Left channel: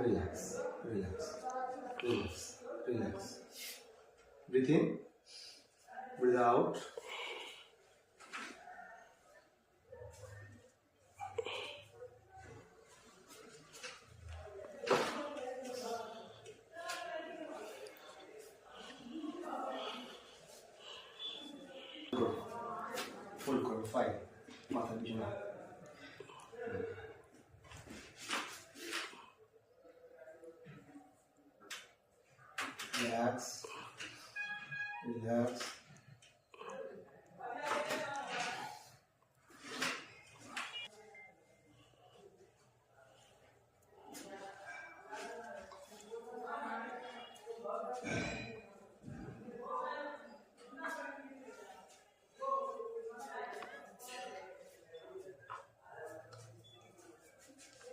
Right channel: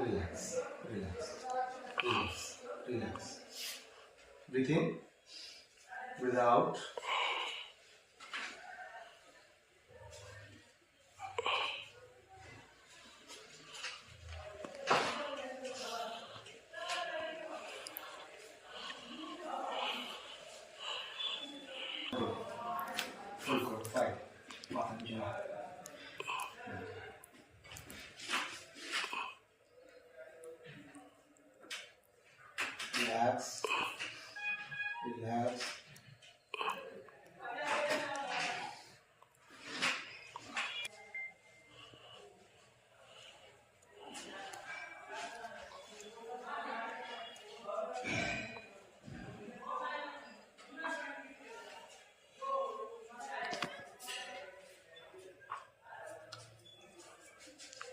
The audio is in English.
relax, relax, relax, relax. Breathe in, breathe out. Full core, 5. মাথা পিছনে হাত। Relax, relax.